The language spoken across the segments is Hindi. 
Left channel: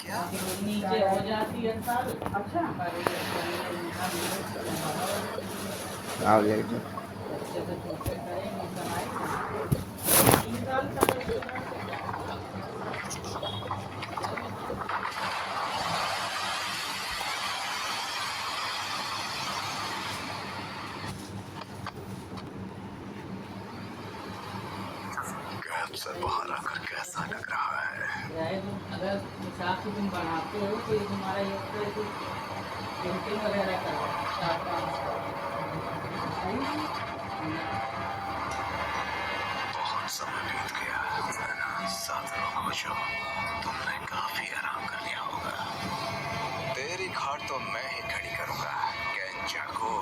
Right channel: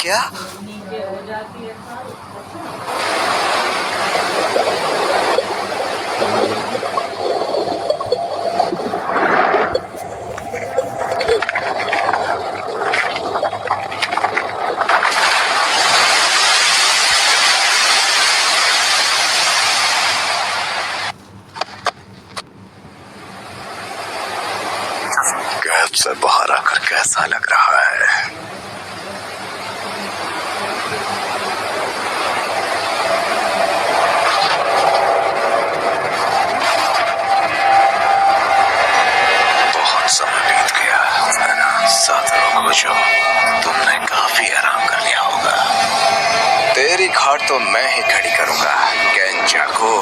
क्या? नीचे हो जाती है सारी। अच्छा कैब से बाहर आकर कैसा लग रहा है? बहुत समय बीत गया है ना। 7 लोग हो जाओ, तुमने काफी आराम कर लिया होगा। तेरी खाट तो मैं ही खड़ी करूंगा कैंचा को।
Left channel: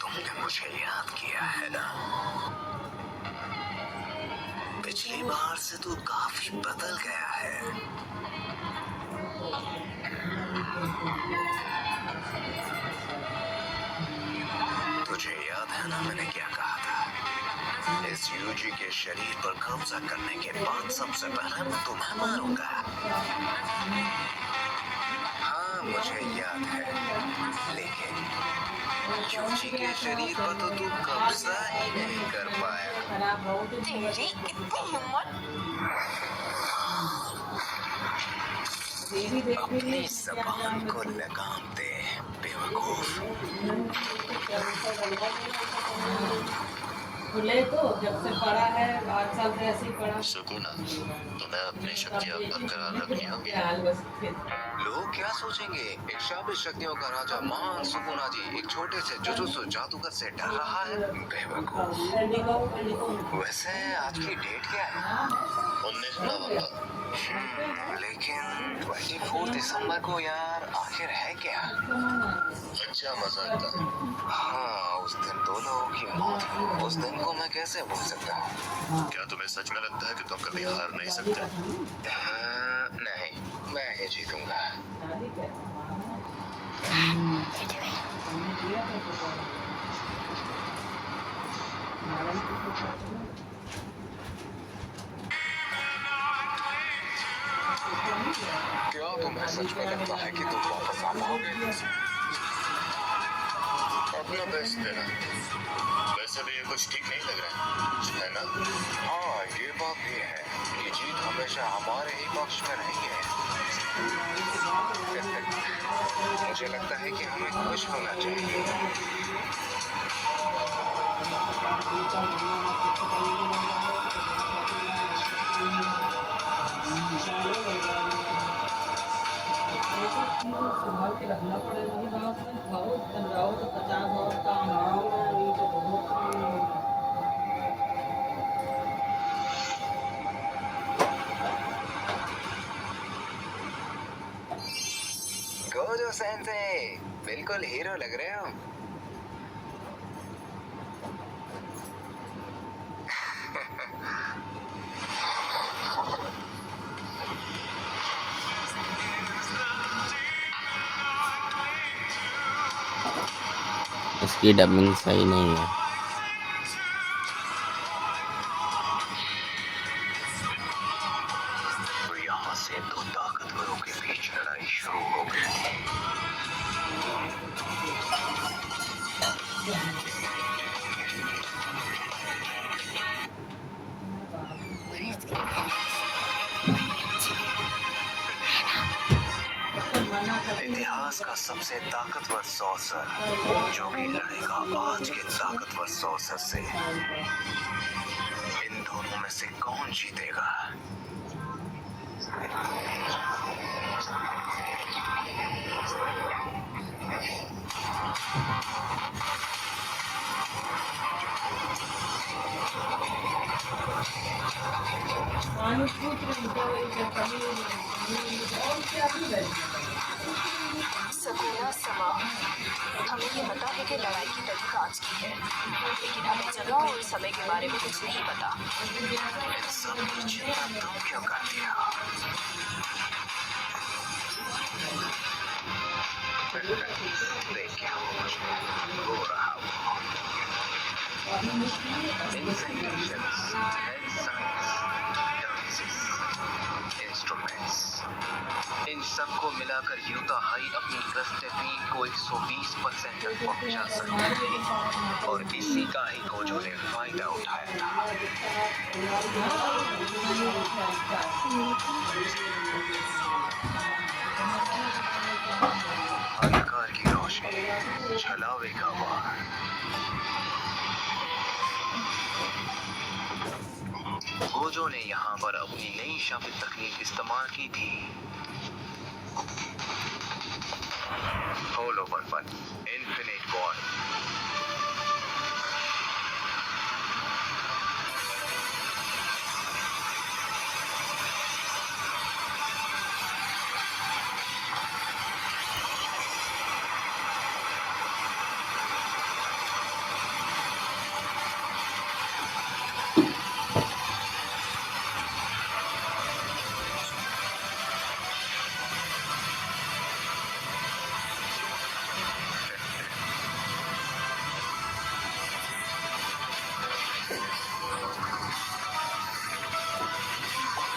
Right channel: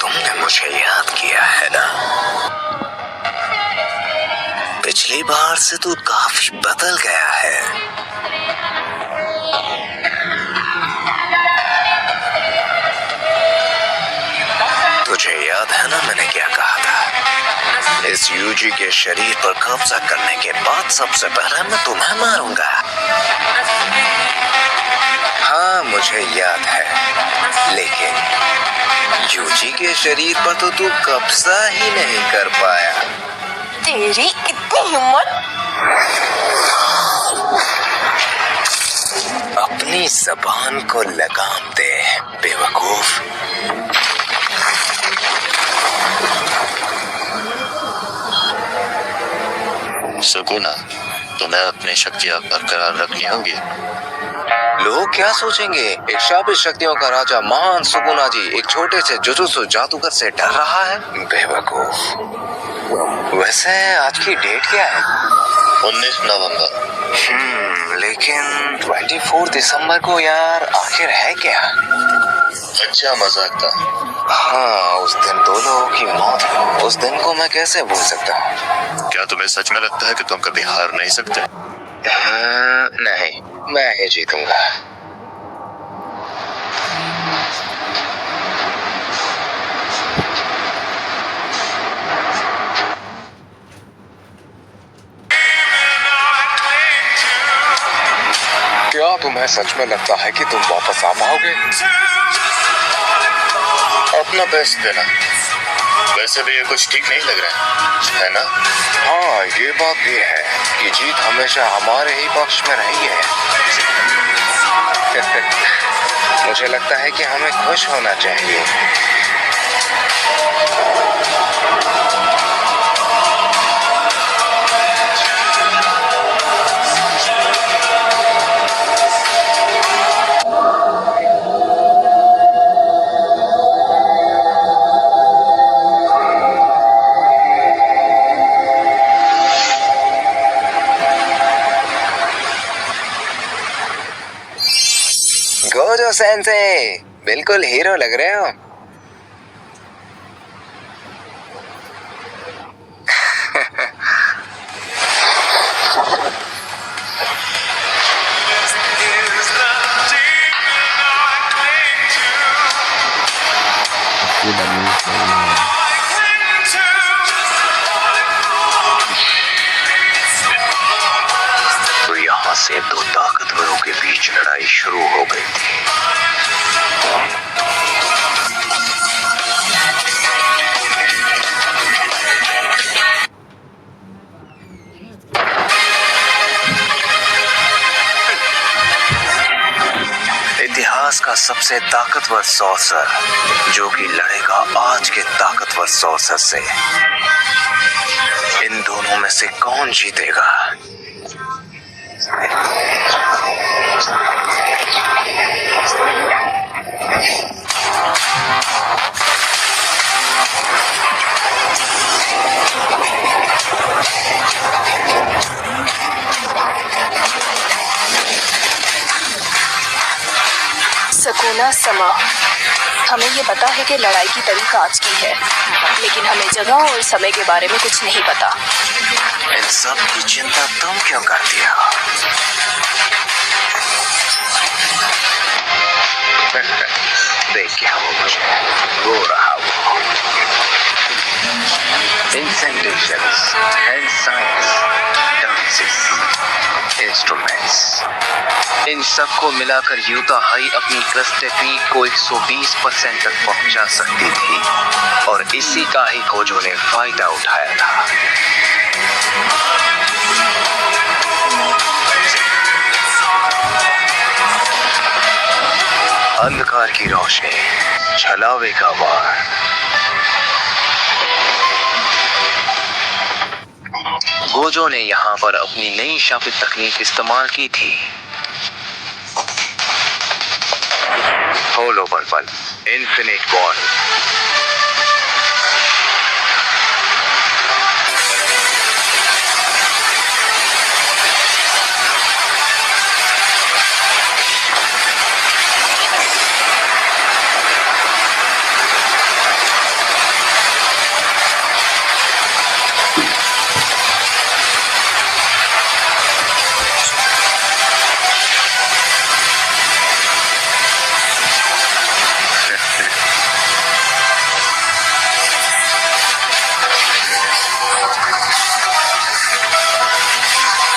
तुमने मुझे याद किया है ना? पिछली बार से तू काफी बदल गया है। तुझे याद है ना मैंने क्या कहा था? इस यूजी के शरीर पर कब्जा करने के बाद सबसे पहले मैं तुम्हें मारूंगा। हाँ मुझे याद है, लेकिन यूजी के शरीर पर तो तू कब्जा ही नहीं कर पाया। तेरी इतनी हिम्मत! अपनी जबान को लगाम दे बेवकूफ। सुकूना, तुम्हें अपनी शक्तियाँ बरकरार रखनी होगी। लोग क्या सोचेंगे? एक शाबित शक्तियों का राजा महान सुकुना जी एक छोटे से जुजुत्सु जादूगर से डर रहा है? बेवकूफ। वैसे आज की डेट क्या है? 19 नवंबर। लेकिन 24 दिसंबर को यार आखिर है क्या? अच्छा मजाक था। हाँ उस दिन 2 लोगों की मौत हुई। उस दिन को मैं कैसे भूल सकता हूँ? क्या तुम्हें सच में लगता है कि तुम कभी हार नहीं सकते? नहीं, मैं ही जीतूंगा। क्या तुम्हें सच में लगता है कि तुम वापस आ पाओगे? अपना बेस्ट देना। वैसे भी ये कुछ ठीक नहीं लग रहा है ना? हाँ ये बात भी है कि जीत हमेशा हमारे ही पक्ष में रही है। मुझे लगता है कि हमें खुश होना चाहिए। गोजो सेंसे, बिल्कुल हीरो लग रहे हो। Tidak menyesal. तो यहाँ से 2 ताकतवरों के बीच लड़ाई शुरू हो गई थी। इतिहास का सबसे ताकतवर सॉर्सर जो कि लड़ेगा आज के ताकतवर सॉर्सर से। इन दोनों में से कौन जीतेगा? सुकूना समा, हमें ये पता है कि लड़ाई की तारीख आज की है, लेकिन हमें जगह और समय के बारे में कुछ नहीं पता। इन सब की चिंता तुम क्यों करती हो? देख क्या हो मुझे, रो रहा वो। Incantations and science, dances, instruments, इन सबको मिलाकर यूता हाई अपनी ग्रस्त टेक्निक को 120% तक पहुंचा सकती थी और इसी का ही खोजों ने फायदा उठाया था। अंधकार की रोशनी, छलावे का वार। गोजो ने यहाँ पर अपनी नई शापित तकनीक इस्तेमाल की थी। होलो पर्पल, इन्फिनिट बॉल।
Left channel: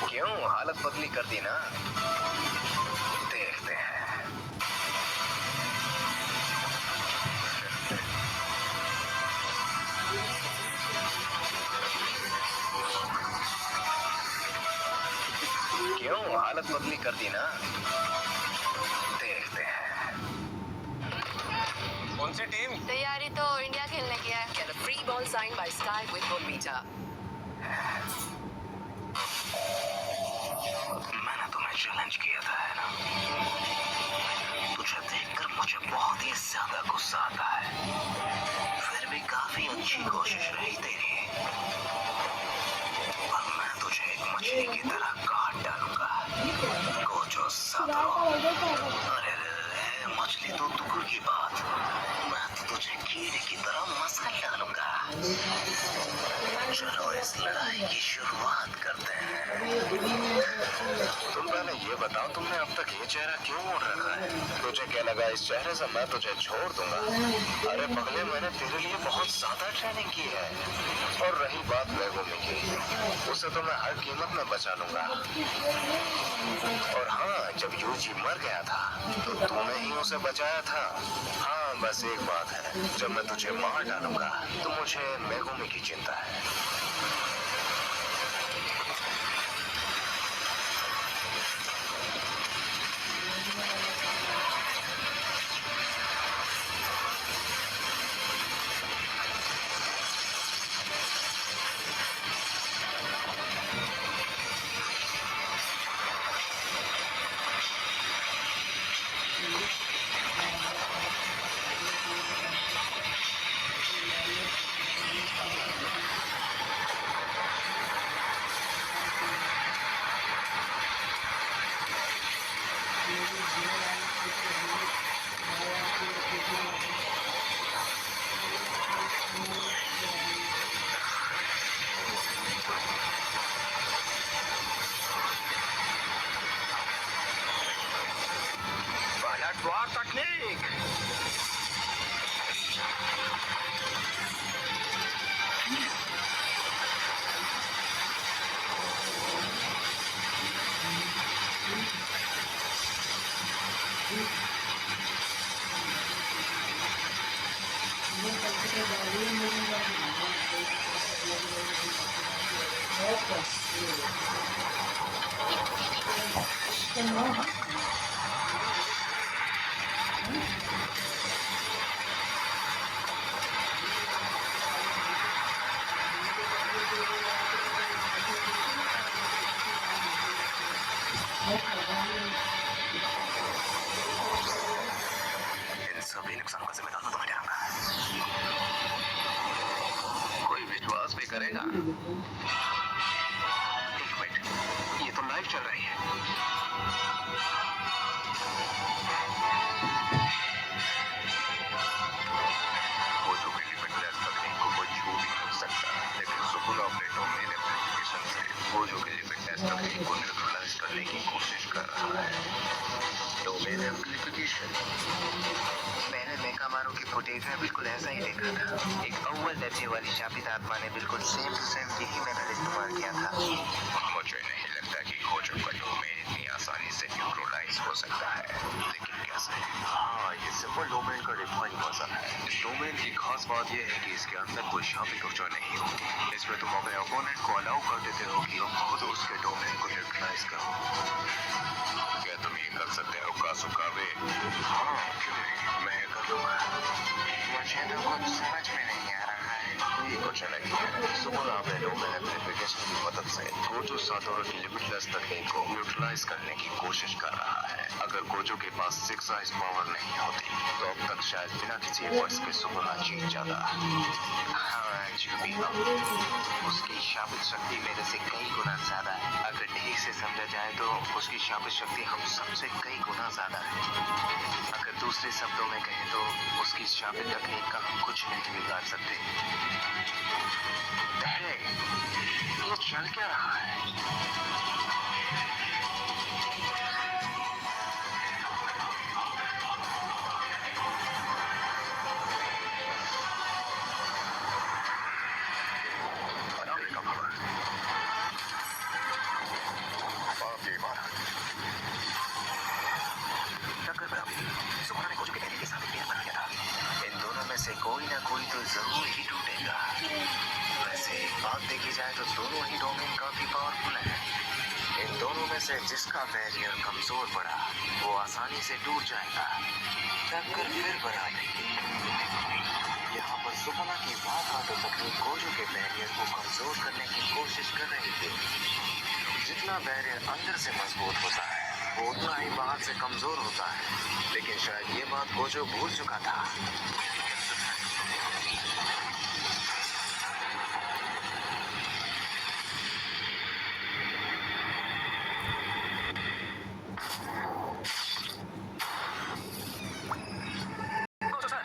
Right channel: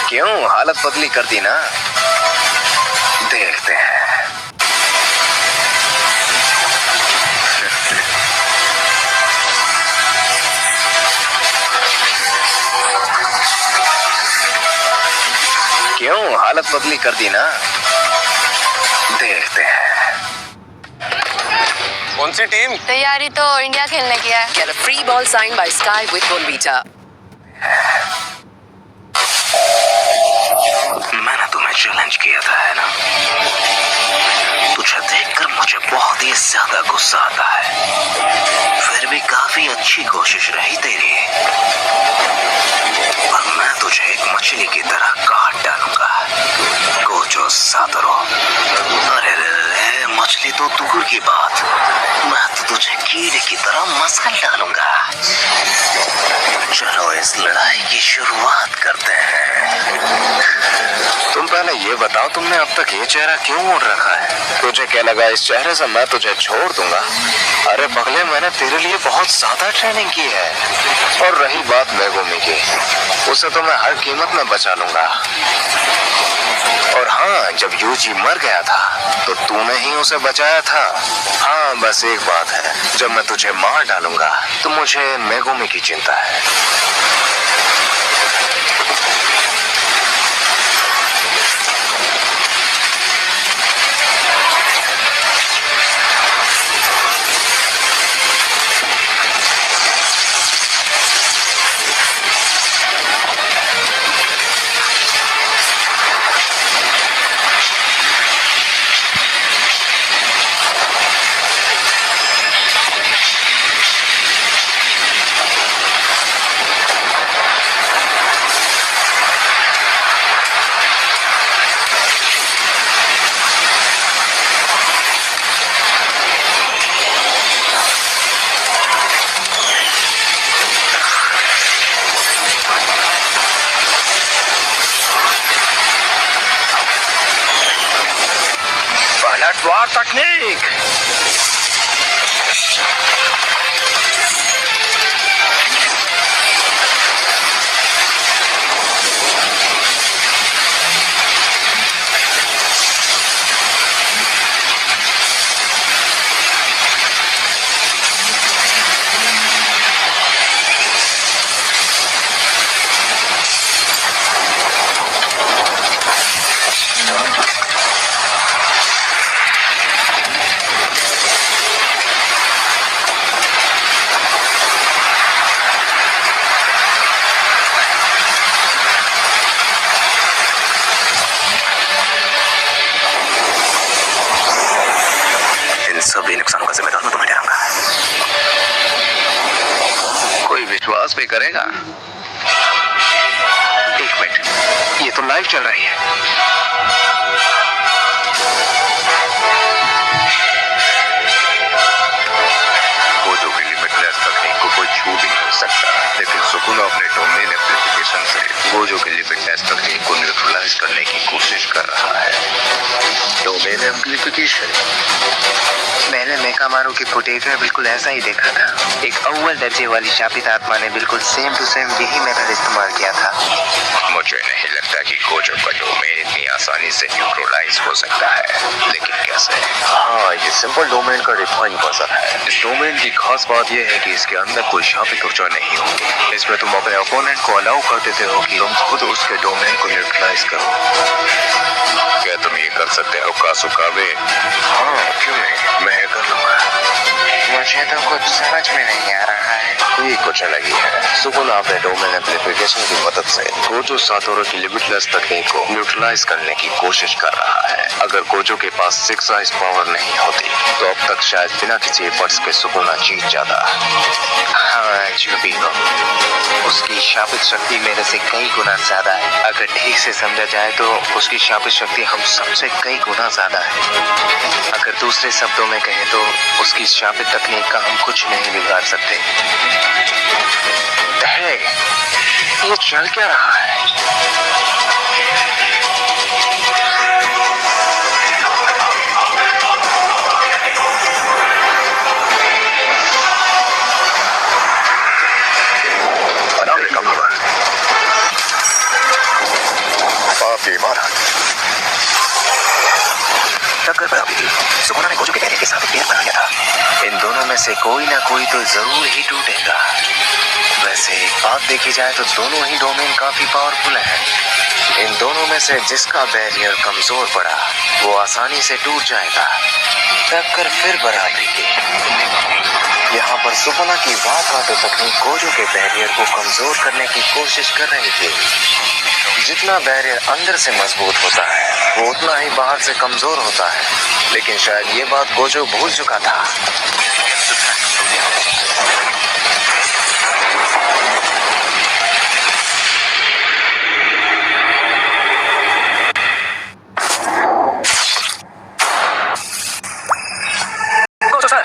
क्यों हालत बदली कर दी ना? देखते हैं। क्यों हालत बदली कर दी ना? देखते हैं। कौन सी टीम? तैयारी तो इंडिया खेलने की है। Get a free ball signed by Sky with Bonvita. मैंने तुम्हें चैलेंज किया था, है ना? तुझे देखकर मुझे बहुत ही ज्यादा गुस्सा आता है। फिर भी काफी अच्छी कोशिश रही तेरी। पर मैं तुझे एक मछली की तरह काट डालूंगा, गोजो सातोरू। अरे रे, मछली तो दूर की बात, मैं तो तुझे कीड़े की तरह मसल डालूंगा। चलो इस लड़ाई की शुरुआत करते हैं। तुम पहले ये बताओ, तुमने अब तक ये चेहरा क्यों ओढ़ रखा है? तुझे क्या लगा इस चेहरे से मैं तुझे छोड़ दूंगा? अरे पगले, मैंने तेरे लिए बहुत ज्यादा ट्रेनिंग की है। और रही बात मेगुमी की, उसे तो मैं हर कीमत में बचा लूंगा। और हाँ, जब यूजी मर गया था तो तूने ही उसे बचाया था। हाँ, बस एक बात है, जब मैं तुझे मार डालूंगा तो मुझे मेगुमी की चिंता है। पलटवार तकनीक। सभी नुकसानों का जिम्मेदार मैं तुम्हें ठहराऊंगा। कोई विश्वास भी करेगा? एक मिनट, ये तो लाइव चल रही है। गोजो के लिपिड तकनीक को न्यूट्रलाइज करने की कोशिश कर रहा है। Domain amplification. मैंने मेकामारू की फुटेज में बिल्कुल ऐसा ही देखा था। एक अव्वल दर्जे वाली शापित आत्मा ने बिल्कुल सेम टू सेम यही मेथड इस्तेमाल किया था। मुझे नहीं लगता कि गोजो का डोमेन इतनी आसानी से न्यूट्रलाइज हो सकता है, लेकिन कैसे? हाँ, ये सिंपल डोमेन का रिफाइन वर्जन है। इस डोमेन की खास बात यह है कि इसके अंदर कोई शापित ऊर्जा नहीं होती। इसमें तुम अपने ओपोनेंट को अलाउ कर देते हो कि तुम खुद उसके डोमेन को न्यूट्रलाइज करो। क्या तुम ये कर सकते हो कासुकावे? हाँ, क्यों नहीं, मैं ये कर लूंगा। मुझे तो कुछ समझ में नहीं आ रहा है। ये कुछ अलग ही है। सुकुना अपने डोमेन एम्प्लीफिकेशन की मदद से गोजो सातोरू की लिमिटलेस तकनीक को न्यूट्रलाइज करने की कोशिश कर रहा है। अगर गोजो के पास 6 आइज पावर नहीं होती तो अब तक शायद बिना किसी एफर्ट्स के सुकुना जीत जाता। हाँ, जो भी हो, उसकी शापित शक्ति मेरे से कई गुना ज्यादा है। अगर ठीक से समझा जाए तो उसकी शापित शक्ति हम सबसे कई गुना ज्यादा है। अगर दूसरे शब्दों में कहें तो उसकी शापित तकनीक का हम कुछ नहीं बिगाड़ सकते। हे, ये चल क्या रहा है? टक्कर बराबरी थी। सुकुना ने गोजो के कहने के साथ पेड़ बना लिया था। इन दोनों में से कोई ना कोई तो जरूर ही टूटेगा। वैसे एक बात देखी जाए तो दोनों ही डोमेन काफी पावरफुल हैं। इन दोनों में से जिसका बैरियर कमजोर पड़ा वो आसानी से टूट जाएगा। टक्कर फिर बराबरी की। यहाँ पर सुकुना की वाकाटो तकनीक गोजो के बैरियर को कमजोर करने की कोशिश कर रही थी। जितना बैरियर अंदर से मजबूत होता है वो उतना ही बाहर से कमजोर होता है, लेकिन शायद ये बात गोजो भूल चुका था। गोजो सर,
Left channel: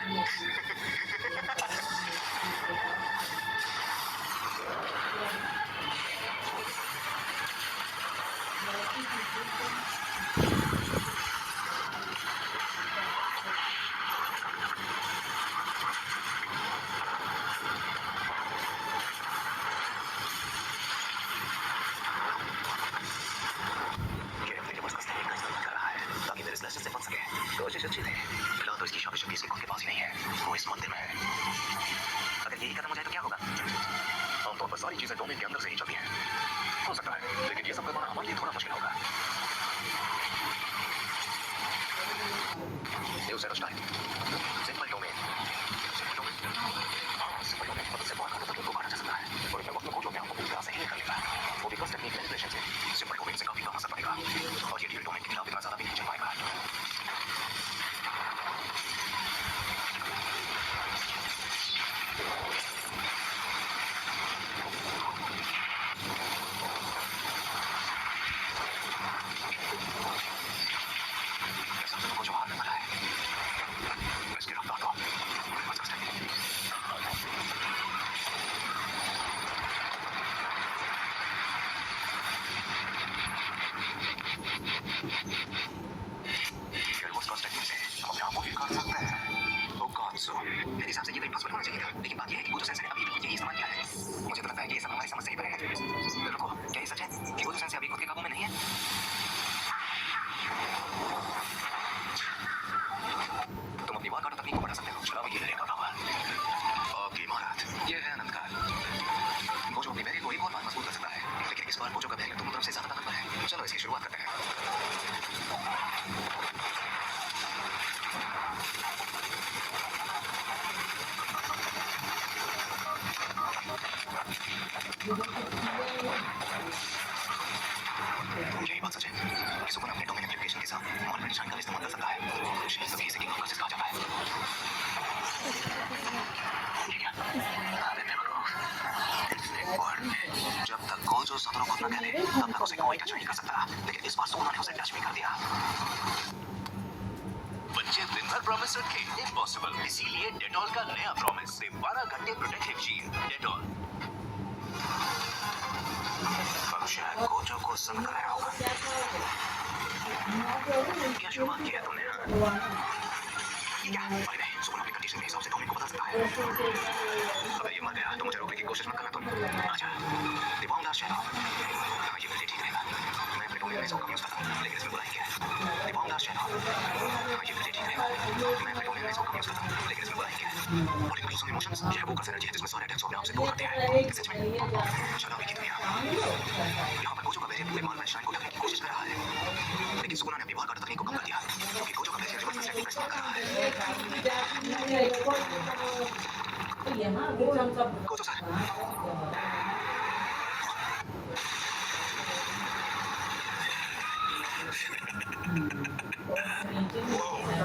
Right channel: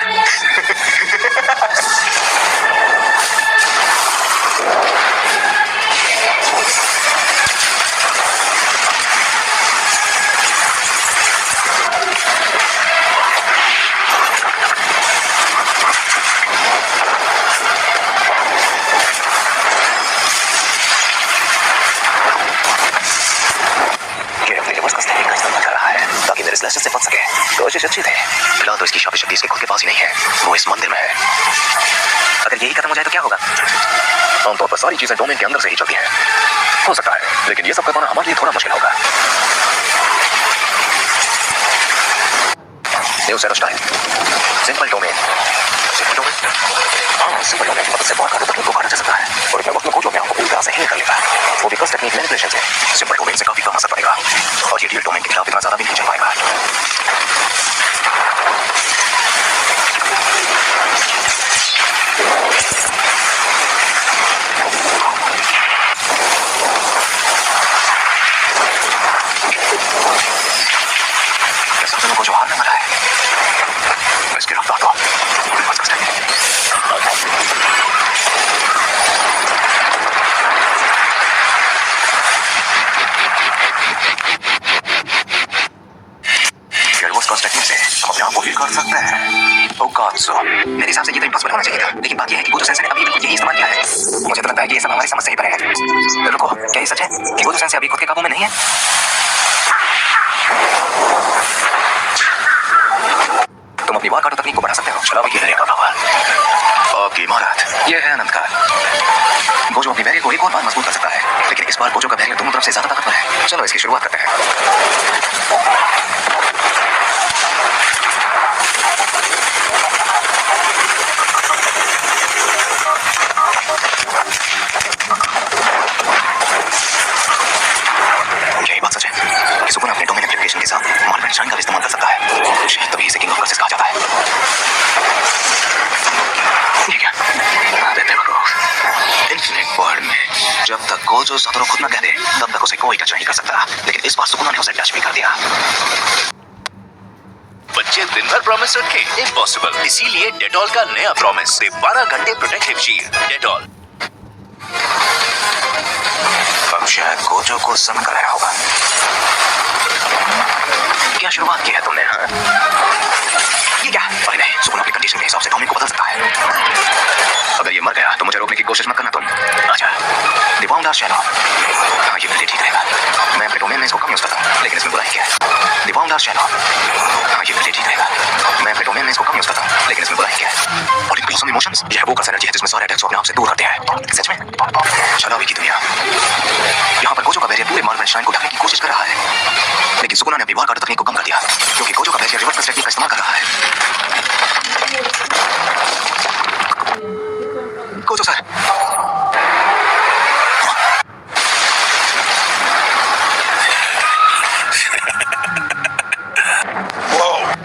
से बच सके। कोशिश अच्छी थी। फिलहाल तो इसकी शापित शक्ति इसके खुद के पास ही नहीं है, वो इस मंदिर में है। अगर यही खत्म हो जाए तो क्या होगा? आमतौर पर सारी चीजें डोमेन के अंदर से ही चलती हैं। हो सकता है, लेकिन ये सब करवाना हमारे लिए थोड़ा मुश्किल होगा। New set of style. Simple domain. Simple domain? हाँ, सिंपल डोमेन की मदद से बहुत काटो तकनीक को काटा जा सकता है और इतने वक्त में गोजो में आपको पूरी तरह से हिल कर लेगा। वो भी कस टेक्निक मैनिपुलेशन से। सिंपल डोमेन से काफी कम असर पड़ेगा और ये रियल डोमेन के खिलाफ इतना ज्यादा भी नहीं चल पाएगा। को जो हारने वाला है इसकी रफ्तार तो बस कष्ट है। से हम अपने आप को हील कर सकते हैं। ओकात्सु, मेरे हिसाब से ये तो इम्पॉसिबल होना चाहिए था, लेकिन बात यह है कि गोजो सेंसेई ने अभी बिल्कुल यही इस्तेमाल किया है। मुझे तो लगता है कि ये सब हमारी समझ से ही परे है। रुको, क्या ये सच है कि गोजो सेंसेई अभी खुद के काबू में नहीं है? तुम अपनी वाकाटो तकनीक को बढ़ा सकते हो। चलाओ ये दरिया का प्रभाव। आपकी इमारत ये है अनंत काल। गोजो अपनी बैरियर को एक और बार मजबूत कर सकता है, लेकिन इस बार गोजो का बैरियर दोनों तरफ से ज्यादा ताकतवर है। चलो इसकी शुरुआत करते हैं। यही बात सच है कि सुकुना अपने डोमेन एप्लीकेशन के साथ मॉडल डिजाइन का इस्तेमाल कर सकता है। शायद तभी इसे किंग ऑफ प्रोसेस कहा जाता है। ये क्या? इन्फिनिट वर्ल्ड में जब तक गोजो सातोरू खुद न कह दे तब तक उसे कोई टच नहीं कर सकता, लेकिन इस बार सुकुना ने उसे टच भी कर दिया। बच्चे दिन भर प्रॉमिस रखे, इम्पॉसिबल। इसीलिए डेटॉल का नया प्रॉमिस, 12 घंटे प्रोटेक्टिव शील्ड। डेटॉल। शायद गोजो को समझ कर आया होगा। क्या शुरुआत की है तुमने? हाँ? ये क्या? अरे नहीं, सुकून अपनी कंडीशन के हिसाब से डोमेन को बदल सकता है। अगर ये मर गया तो मुझे रोकने की कोशिश मत करना तुम। अच्छा, दिवाउंडा शैलो। हाँ, ये मेरे लिए ठीक रहेगा। मैं अपने डोमेन में इसको कम यूज करता हूँ, लेकिन इसमें बुराई क्या है? दिवाउंडा शैलो। हाँ, ये मेरे लिए ठीक रहेगा। मैं अपने डोमेन में इसको कम यूज करता हूँ, लेकिन इसमें बुराई क्या है? और इम्पल्सिव इमोशंस, यह वो एनर्जी है जिसमें सारे अटैक्स अपने आप से दूर करते हैं। सच में? शराबी की दुनिया। यहाँ पर गोजो का बैरियर पूरे मार्बल श्राइन को ढकने की कोशिश कर रहा है, लेकिन सुकुना ने अपनी वार काटा तकनीक को कम कर दिया, क्योंकि गोजो का बैरियर रिवर्स टेक्निक का इस्तेमाल कर रहा है। गोजो सर,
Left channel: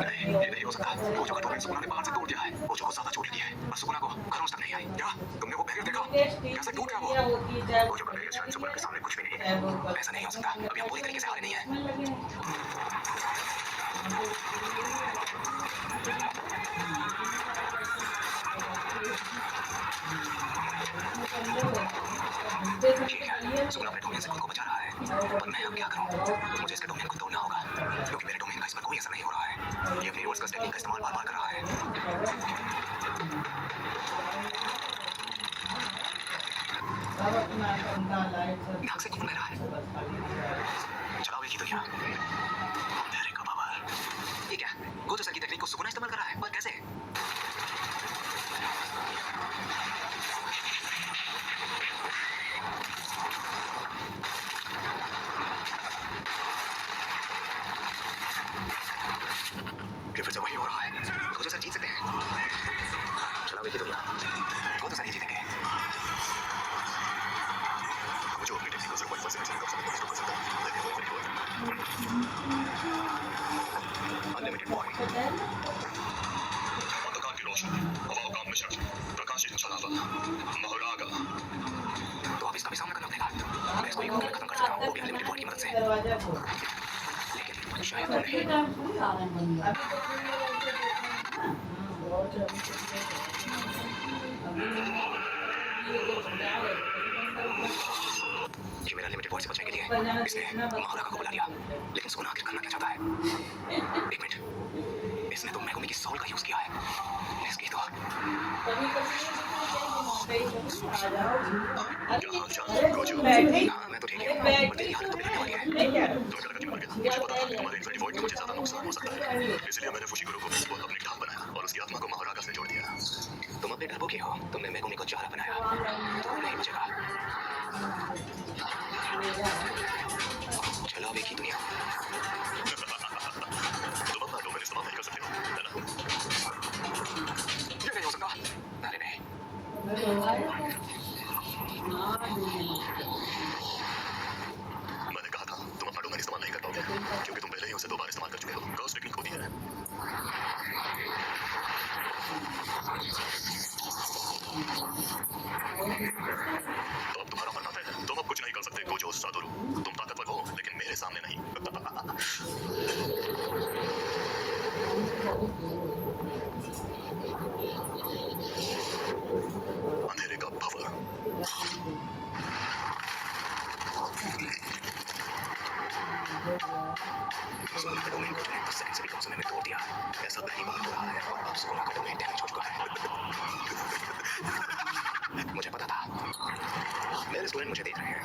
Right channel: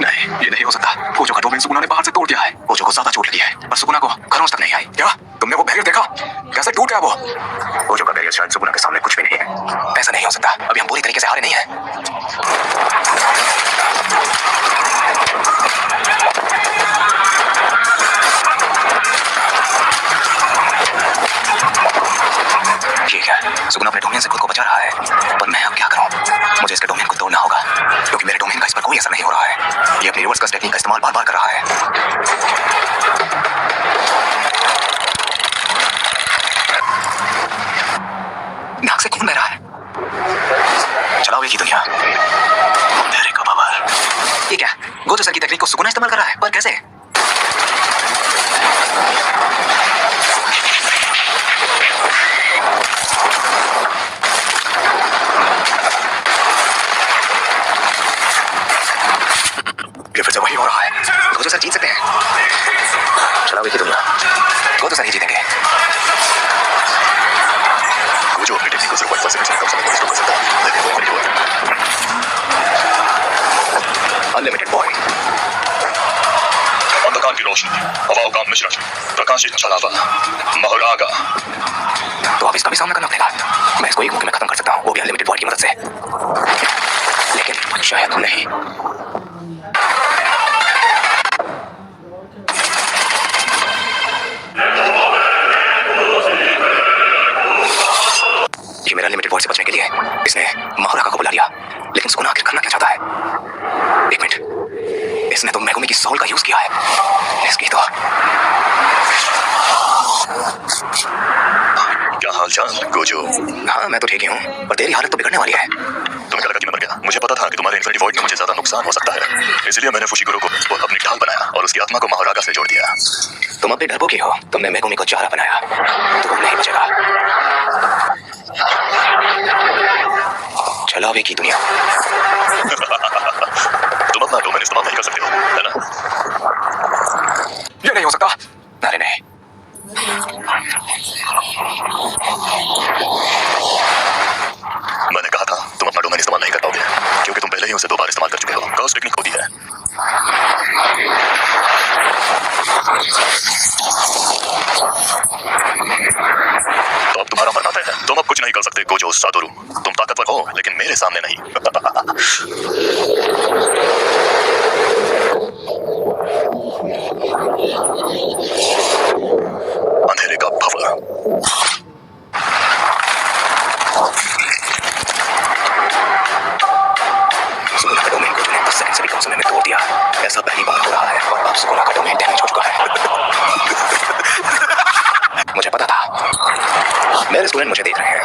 नहीं, ये नहीं हो सकता। गोजो का डोमेन सुकुना ने बाहर से तोड़ दिया है। गोजो को ज्यादा चोट लगी है, पर सुकुना को खरोंच तक नहीं आई। क्या तुमने वो बैरियर देखा? कैसे टूट गया वो? गोजो का बैरियर शायद सुकुना के सामने कुछ भी नहीं है। ऐसा नहीं हो सकता, अभी हम पूरी तरीके से हारे नहीं हैं। ठीक है, सुकुना अपने डोमेन से खुद को बचा रहा है, पर मैं अब क्या करूं? मुझे इसके डोमेन को तोड़ना होगा, क्योंकि मेरे डोमेन का इस पर कोई असर नहीं हो रहा है। ये अपनी रिवर्स कस टेक्निक का इस्तेमाल बार-बार कर रहा है। नाक से खून बह रहा है। चलाओ एक ही दुनिया। अंधेरे का पावर। ये क्या? गोजो सर की तकनीक को सुकुना इस्तेमाल कर रहा है, पर कैसे? ये फिर से वही हो रहा है। गोजो सर जीत सकते हैं। चलाओ एक ही दुनिया। गोजो सर ही जीतेंगे। गोजो अपनी टेक्निक को सिर्फ 1% से कम समय में कर सकता है, लेकिन वो नहीं हुआ। Unlimited boy. अंधकार की रोशनी, हवाओं का मिश्रण, प्रकाशित छलावा, महारागा। तो अब इसका भी सामना करना पड़ेगा। मैं इसको एक मुक्के में खत्म कर सकता हूँ, वो भी अनलिमिटेड बॉय की मदद से। लेकिन शायद नहीं। ये मेरा लिमिटेड वॉइस से बचने के लिए इसने महाराका को बुला लिया, लेकिन सुकुना आखिर करना क्या चाहता है? एक मिनट, इसने तो मेगुमी की सोल का यूज किया है। इसकी तो क्या हाल चाल गोजो? हाँ, मैं तो ठीक ही हूँ, पर तेरी हालत तो बिगड़ने वाली है। तुम्हें क्या लगा कि मैं मर गया? मुझे पता था कि तुम्हारे इन्फिनिटी वॉइड में मुझे ज्यादा नुकसान हो सकता है, इसलिए मैंने फुशिगुरो को अपनी ढाल बनाया और उसकी आत्मा को महारागा से जोड़ दिया। तुम अब भी डरपोकी हो। तुमने मेगुमी को चारा बनाया, तो वो नहीं बचेगा। चलो अभी की दुनिया। तुम अपना डोमेन इस्तेमाल नहीं कर सकते हो, है ना? ये नहीं हो सकता। अरे नहीं, मैंने कहा था तुम अपना डोमेन इस्तेमाल नहीं कर पाओगे, क्योंकि तुम पहले ही उसे 2 बार इस्तेमाल कर चुके हो। कर्स टेक्निक होती है। तो अब तुम्हारा मरना तय है। तुम अब कुछ नहीं कर सकते गोजो सातोरु। तुम ताकतवर हो, लेकिन मेरे सामने नहीं। अंधेरे का भवर। सुकुना का डोमेन को तूने 10 सेकंड से भी कम समय में तोड़ दिया। ऐसा पहली बार हो रहा है, और अब सुकुना का डोमेन डैमेज हो चुका है। मुझे पता था। मेरे स्टूडेंट मुझे देख रहे हैं,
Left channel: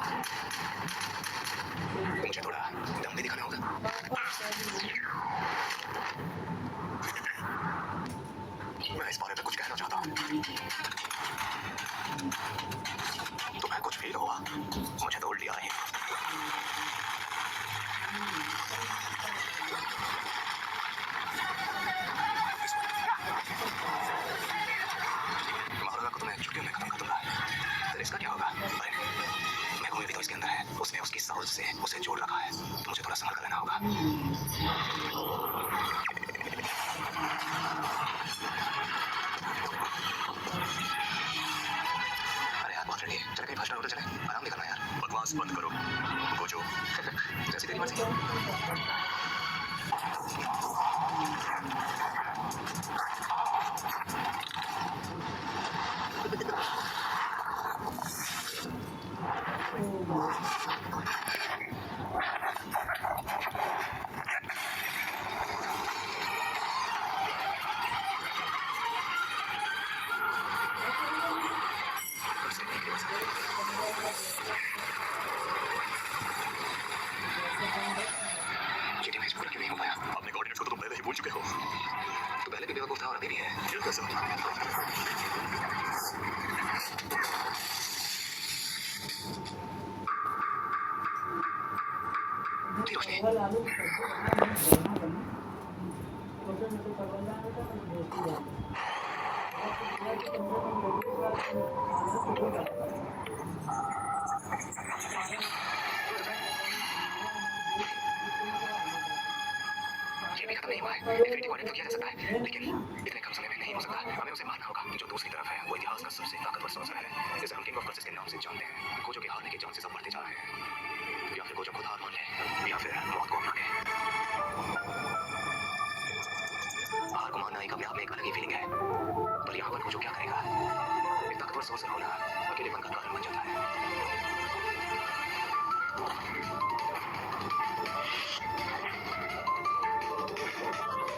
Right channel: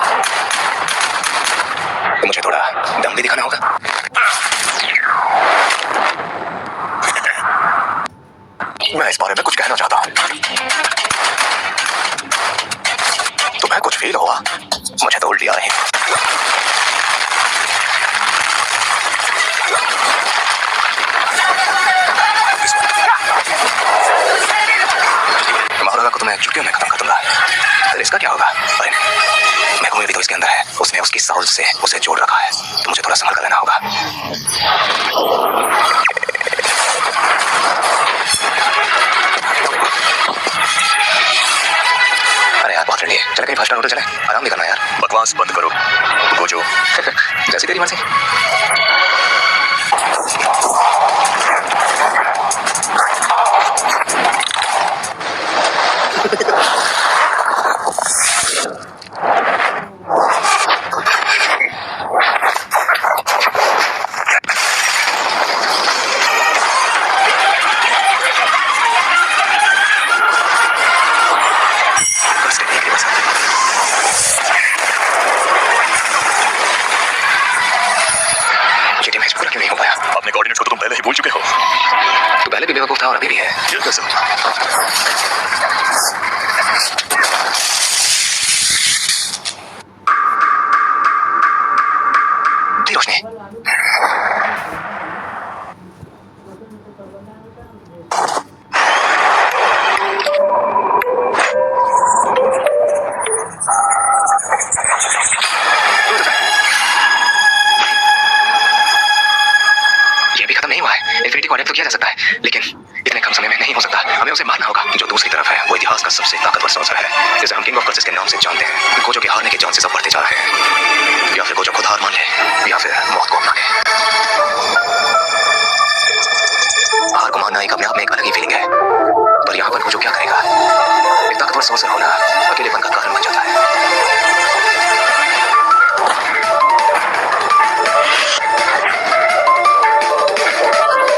तो मुझे थोड़ा दम भी दिखाना होगा। मैं इस बारे में कुछ कहना चाहता हूँ। तुम्हें कुछ फील हुआ? मुझे तो उल्टी आ रही है। महाराजा को तुम्हें चुटकियों में खत्म कर दूंगा। फिर इसका क्या होगा? अरे मेगुमी भी तो इसके अंदर है। उसने उसकी साउल से उसे जोड़ रखा है, तो मुझे थोड़ा संभल कर लेना होगा। अरे यार, बहुत रेडी है। चले कहीं 5 स्टार होटल चले, आराम भी करना यार। बकवास बंद करो गोजो। जैसी तेरी मर्जी। चाबी भी है। ये कैसे हुआ? दी रोशनी। ये भी खत्म नहीं हुआ है। इन्फिनिटी को अडेप्ट तो किया जा सकता है, लेकिन इतने कम समय में नहीं हो सकता। हमें उसे मारना होगा। जो दूसरी तरफ है वो इतिहास का सबसे ताकतवर सॉर्सर है, जिसे हम किंग ऑफ कर्सेस के नाम से जानते हैं। गोजो के हारने के चांसेस अब बढ़ते जा रहे हैं। या फिर गोजो खुद हार मान ले, या फिर मौत को अपना ले। हार को मानना एक अपने आप में एक अलग ही फीलिंग है, पर यहाँ पर गोजो क्या करेगा? एक ताकतवर सॉर्सर होना अकेलेपन का कारण बन जाता है।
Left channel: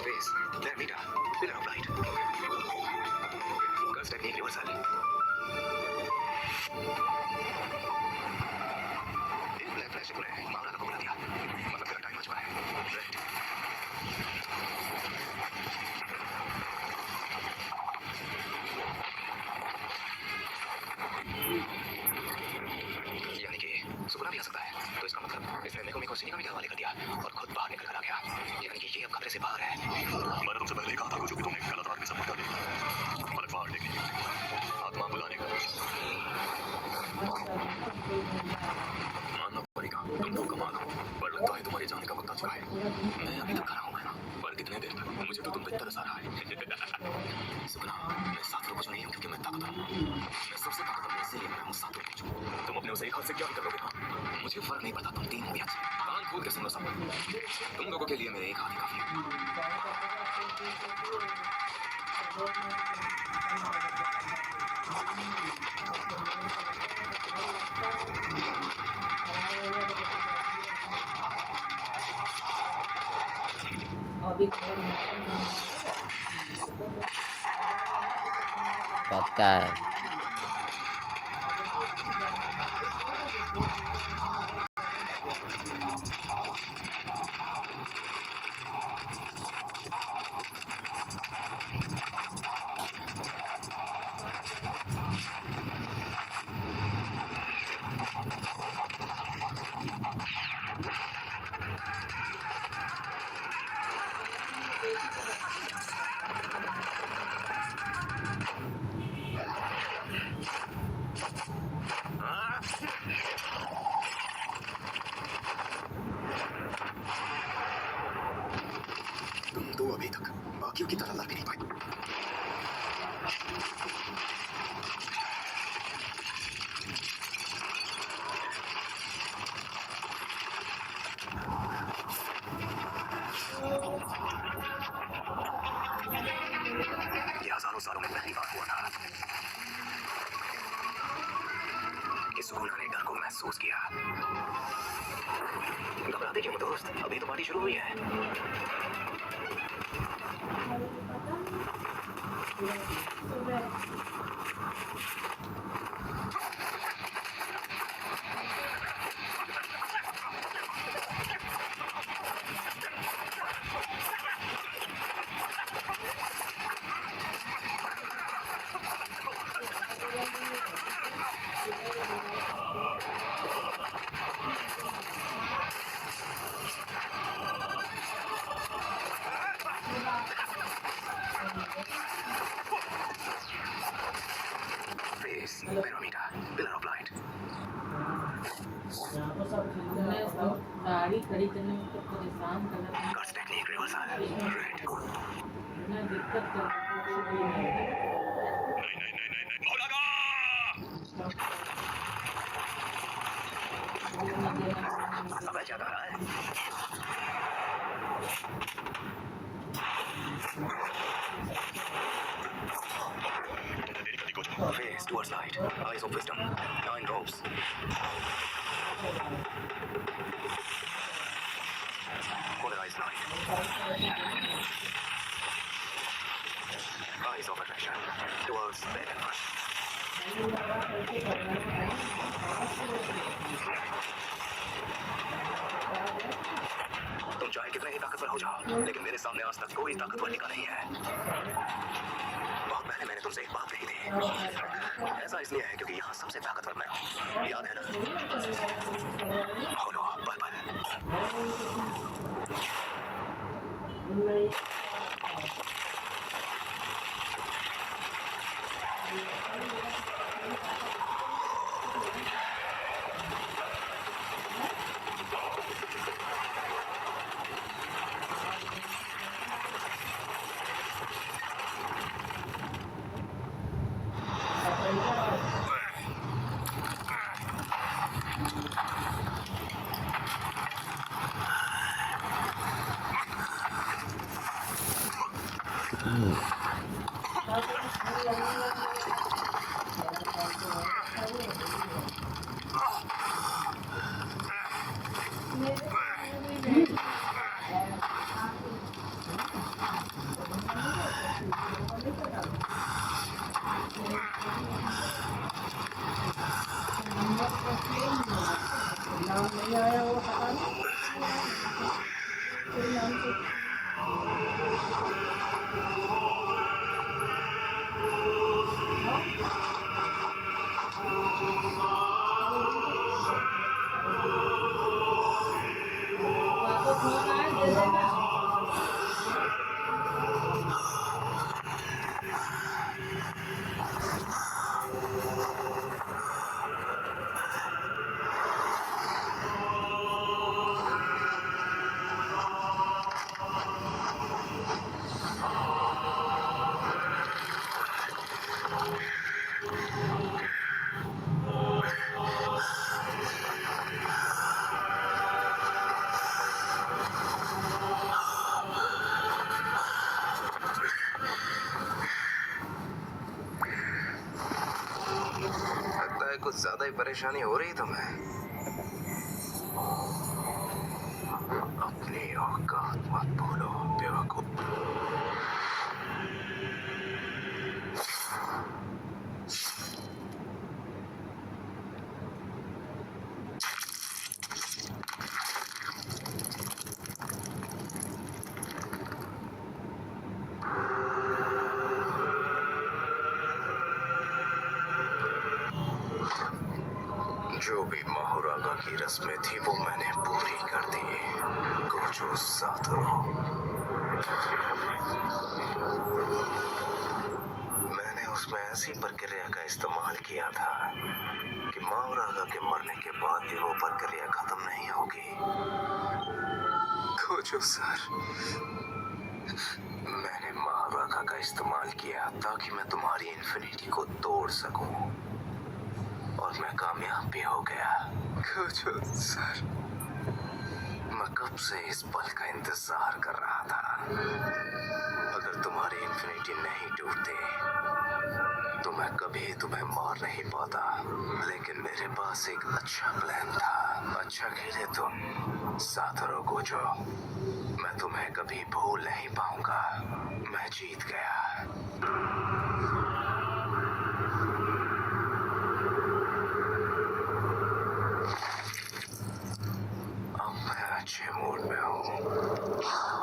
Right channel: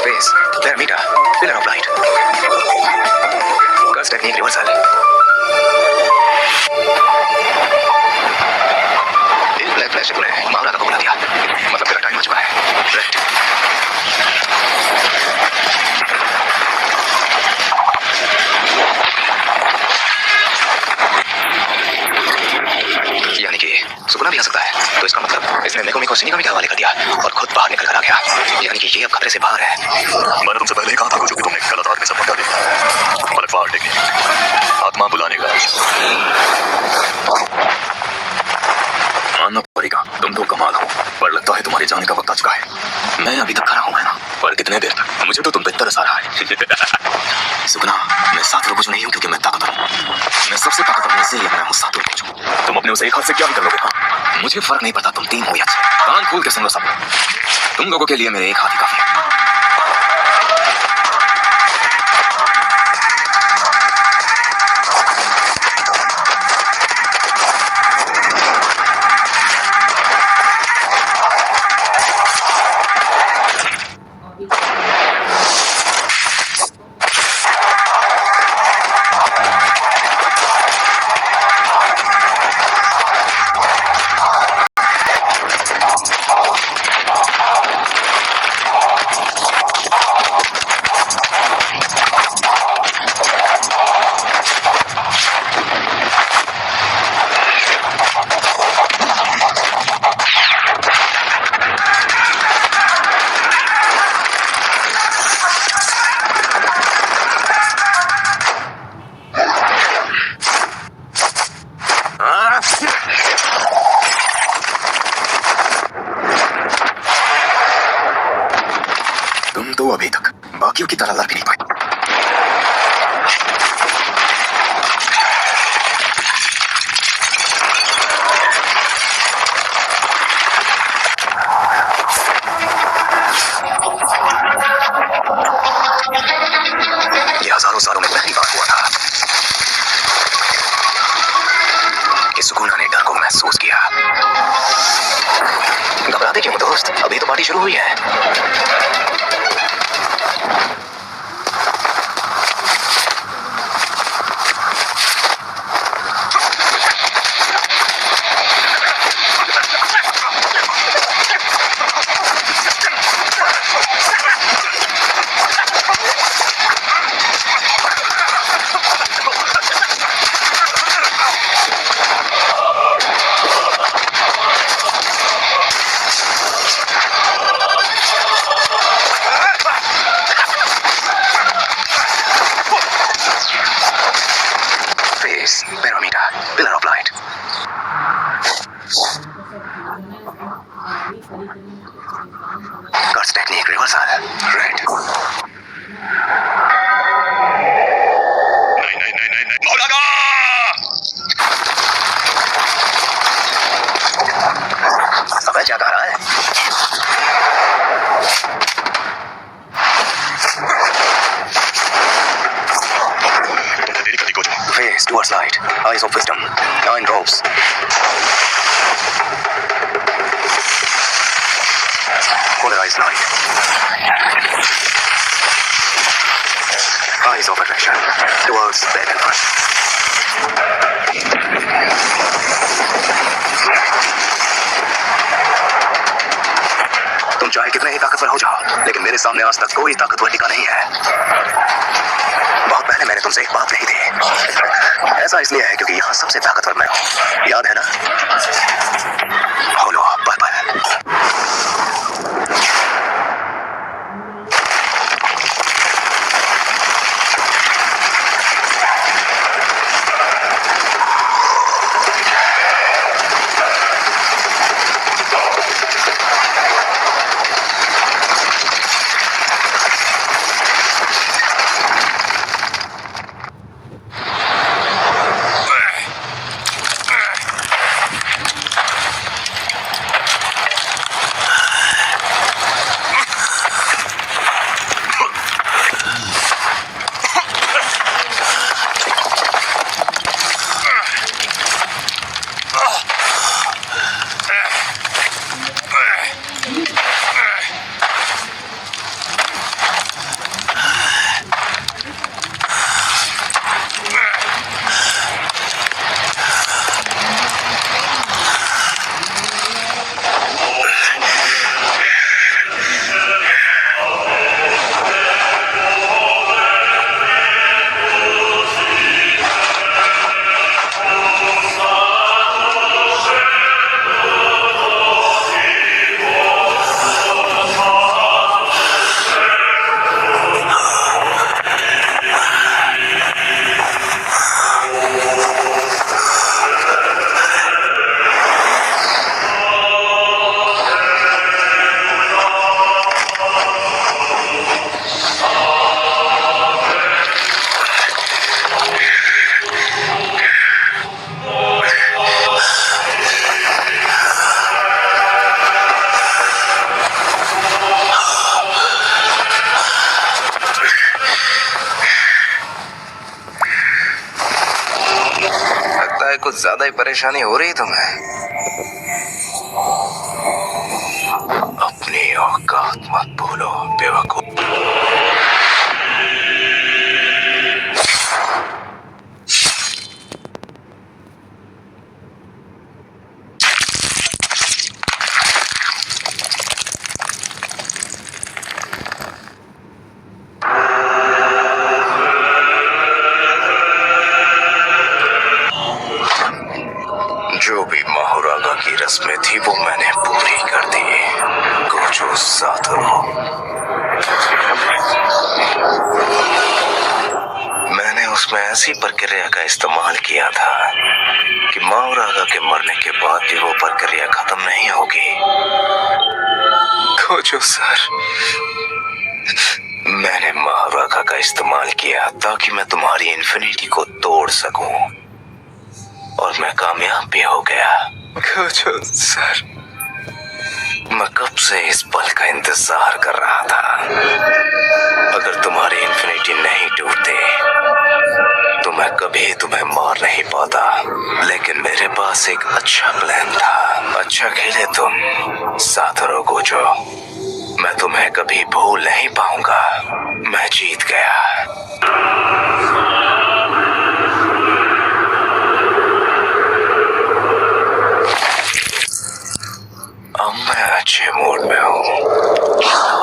Face, there, Mita, pillar of light. Curse technique reversal. एक ब्लैक फ्लैश से तूने महाराजा को बुला दिया, मतलब तेरा टाइम आ चुका है। राइट। यानी कि सुकुना भी आ सकता है, तो इसका मतलब इसने मेकोमी को सिनिगामी के हवाले कर दिया और खुद बाहर निकल कर आ गया। यानी कि ये अब खतरे से बाहर है। मैंने तुमसे पहले ही कहा था कुछ कि तुमने गलत आदमी से पकड़ा दिया। पलटवार टेक्निक, आत्मा बुलाने का। मानना पड़ेगा, तुम तो कमाल हो, पर लगता है तुम्हारे जाने का वक्त आ चुका है। मैं अभी तक खड़ा हूँ, है ना? पर कितने देर तक? मुझे तो तुम पे तरस आ रहा है। सुकुना, मैं सातोरु गोजो नहीं हूँ क्योंकि मैं ताकतवर हूँ। मैं सबसे ताकतवर हूँ, इसीलिए मैं हूँ सातोरु गोजो। तुम अपने उसे एक हाथ से क्या भी कर लोगे? हाँ? मुझे फर्क नहीं पड़ता तुम टीम हो या छह। कान खोल के सुन लो सब। तुम लोगों के लिए मेरे एक हाथ ही काफी है। तुम तो अभी तक बाकियों की तरह लड़ भी नहीं पाए। ये हजारों सालों में पहली बार हुआ था कि सुकुना ने डर को महसूस किया। घबराते क्यों दोस्त? अभी तो पार्टी शुरू हुई है। Face, Pyramida, pillar of light. गाड़ी खड़ी करने के परेशान करना। Curse technique reversal. Red. नहीं नहीं नहीं नहीं नहीं, मौलाना! अबे क्या कह रहा है? तुमने देरी कर दी Gojo. Face towards light. Eyes of wisdom. 9 ropes. Polarized light. Eyes of attraction. Towards bed and front. तुम चाहे कितने ही ताकतवर हो जाओ, लेकिन मेरे सामने आज तक कोई ताकतवर टिका नहीं है। बहुत पहले मैंने तुमसे एक बात कही थी, ऐसा इसलिए है क्योंकि यहाँ सबसे ताकतवर मैं हूँ, याद है ना? होलो पर्पल। कुछ ज्यादा ही परेशानी हो रही तुम्हें। अपनी औकात मत भूलो बेवकूफ। जो भी माहुरागा की रस्में थी वो मैंने पूरी कर दी। गोजो सातोरू, मैंने उसमें ऐसी प्रक्रिया का इस्तेमाल किया था कि माहुरागा के मरने के बाद भी वो प्रक्रिया खत्म नहीं होगी। गोजो सर, मैंने माहुरागा का इस्तेमाल किया ताकि मैं तुम्हारी इन्फिनिटी को तोड़ सकूं, और मैं कामयाब भी हो गया। गोजो सर, मैं कब से इस पल का इंतजार कर रहा था। अगर तुम्हारी इन्फिनिटी नहीं टूटती तो मैं कभी तुम्हें मार नहीं पाता, लेकिन मेरे पास एक अच्छा प्लान था। अच्छा खेले तुम सातोरू गोजो, मैं तुम्हें कभी भूल नहीं पाऊंगा। मैं जीत गया। अब मैं अच्छे मूड में हूँ।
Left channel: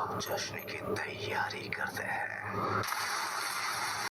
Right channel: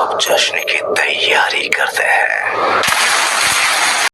अब जश्न की तैयारी करते हैं।